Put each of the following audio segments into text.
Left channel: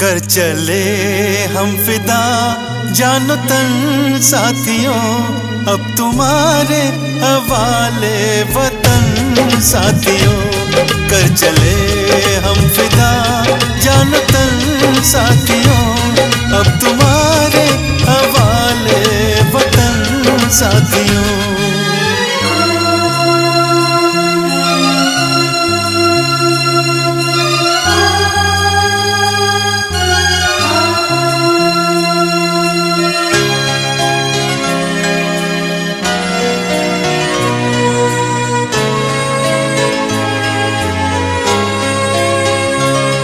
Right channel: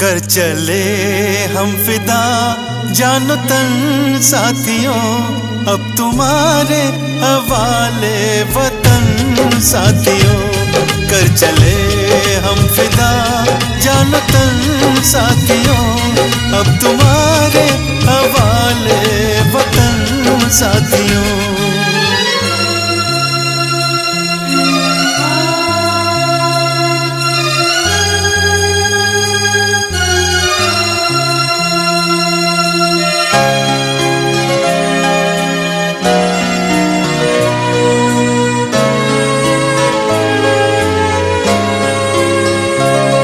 कर चले हम फिदा जानो तन साथियों, अब तुम्हारे हवाले वतन साथियों। कर चले हम फिदा जानो तन साथियों, अब तुम्हारे हवाले वतन साथियों।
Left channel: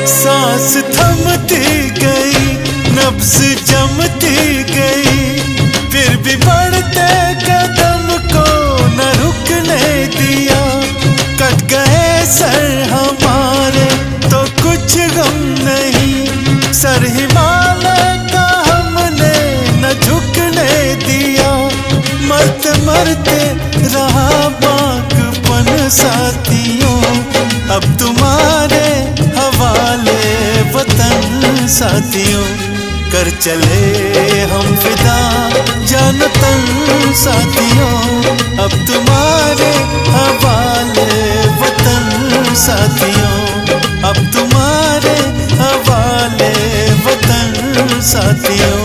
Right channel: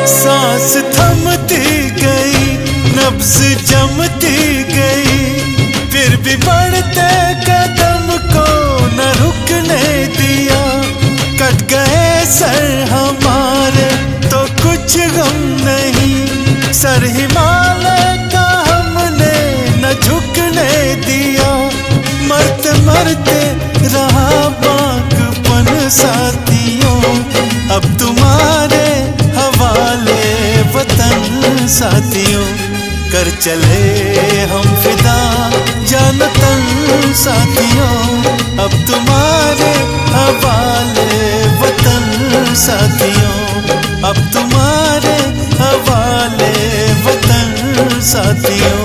सांस थमती गई, नब्ज जमती गई, फिर भी बढ़ते कदम को न रुकने दिया। कट गए सर हमारे तो कुछ गम नहीं, सर हिमालय का हमने न झुकने दिया। मरते मरते रहा बागपन साथियों, अब तुम्हारे हवाले वतन साथियों। कर चले हम फिदा जानो तन साथियों, अब तुम्हारे हवाले वतन साथियों, अब तुम्हारे हवाले वतन साथियों।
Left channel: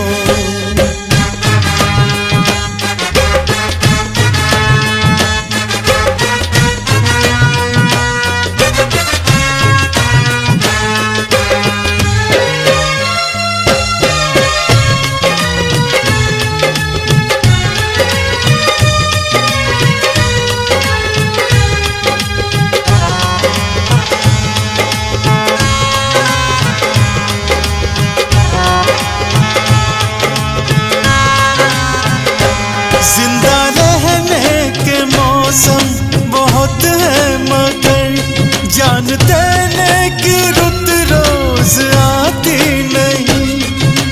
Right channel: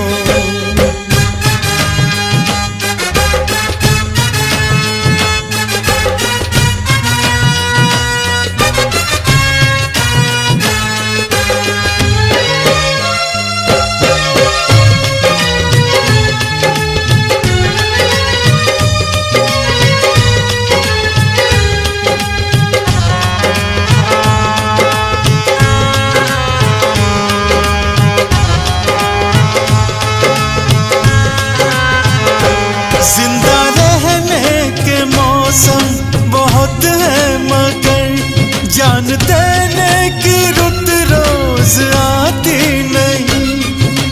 जिंदा रहने के मौसम बहुत है, मगर जान देने की रुत रोज आती नहीं।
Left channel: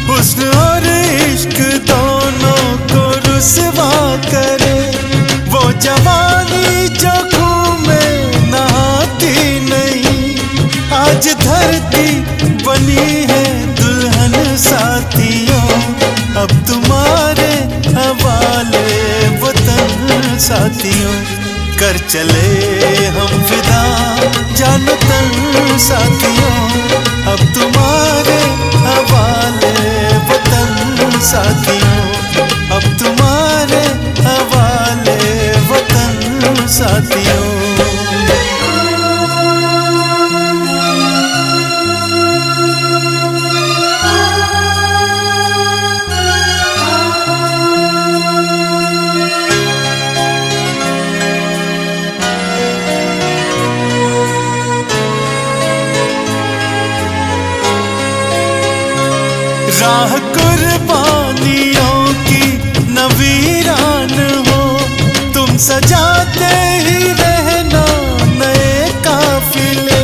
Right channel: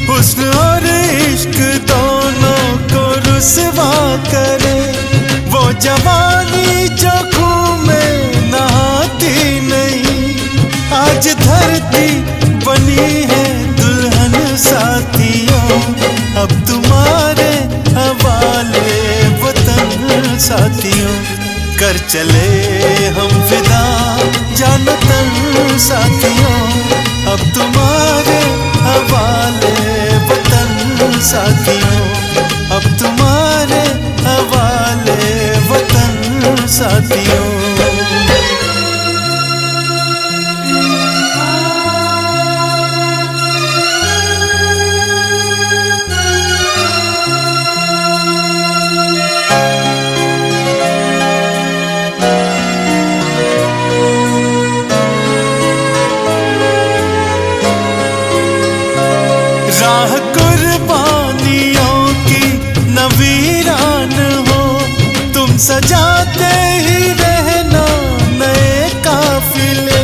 हुस्न और इश्क दोनों को रुसवा करे, वो जवानी जो खून में नहाती नहीं। आज धरती बनी है दुल्हन साथियों, अब तुम्हारे हवाले वतन साथियों। कर चले हम फिदा जानो तन साथियों, अब तुम्हारे हवाले वतन साथियों, अब तुम्हारे हवाले वतन साथियों। राह कुर्बानियों की नवीरान हो, तुम सजाते ही रहना नए काफिले।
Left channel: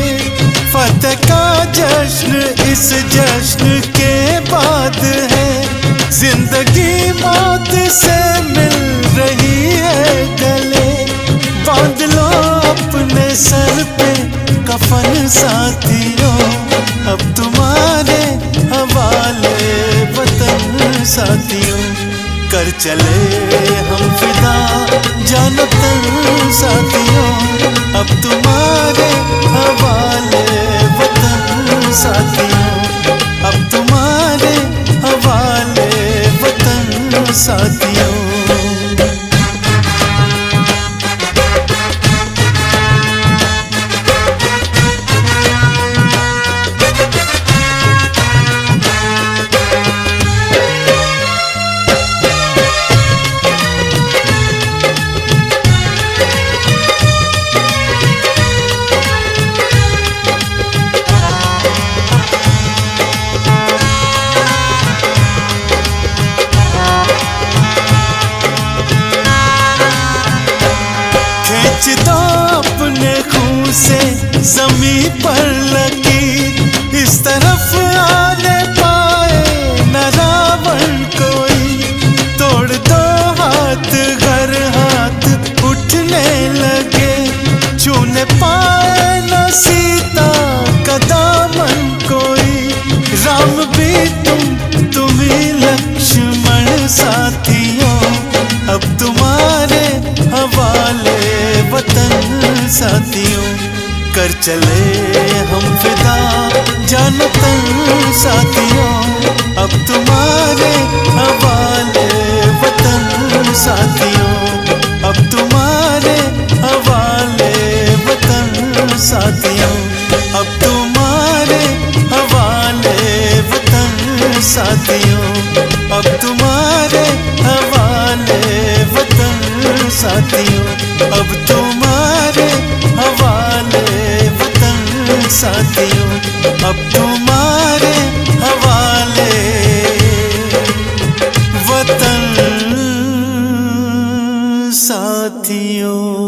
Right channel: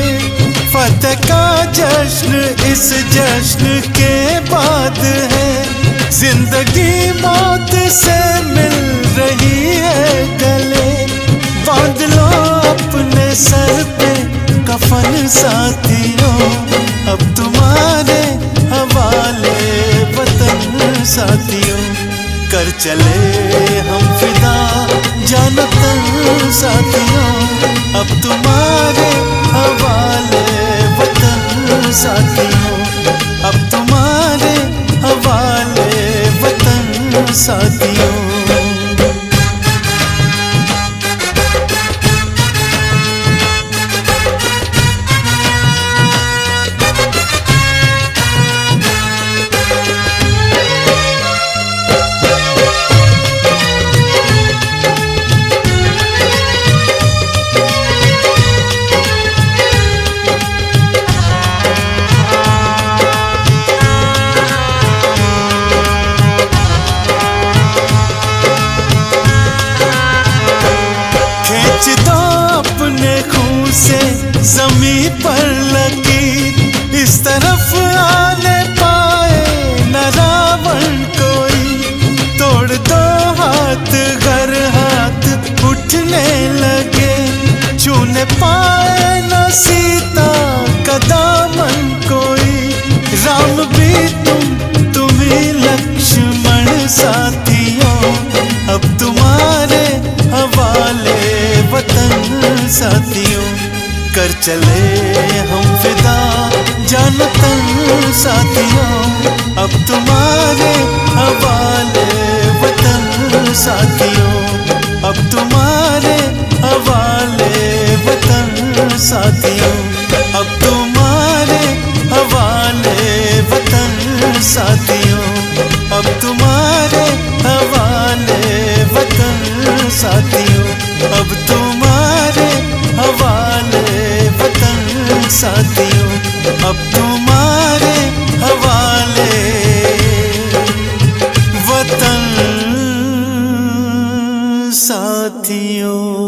फतेह का जश्न इस जश्न के बाद है, जिंदगी मौत से मिल रही है गले। बांध लो अपने सर पे कफन साथियों, अब तुम्हारे हवाले वतन साथियों। कर चले हम फिदा जानो तन साथियों, अब तुम्हारे हवाले वतन साथियों, अब तुम्हारे हवाले वतन साथियों। खींच दो अपने खून से जमीन पर लकीर, इस तरफ आने पाए न रावण कोई। तोड़ दो हाथ घर हाथ उठने लगे, छूने पाए न सीता का दामन कोई। राम भी तुम ही लक्ष्मण साथियों, अब तुम्हारे हवाले वतन साथियों। कर चले हम फिदा जानो तन साथियों, अब तुम्हारे हवाले वतन साथियों, अब तुम्हारे हवाले वतन साथियों, अब तुम्हारे हवाले वतन साथियों, अब तुम्हारे हवाले वतन साथियों, अब तुम्हारे हवाले वतन साथियों, अब तुम्हारे हवाले वतन साथियों।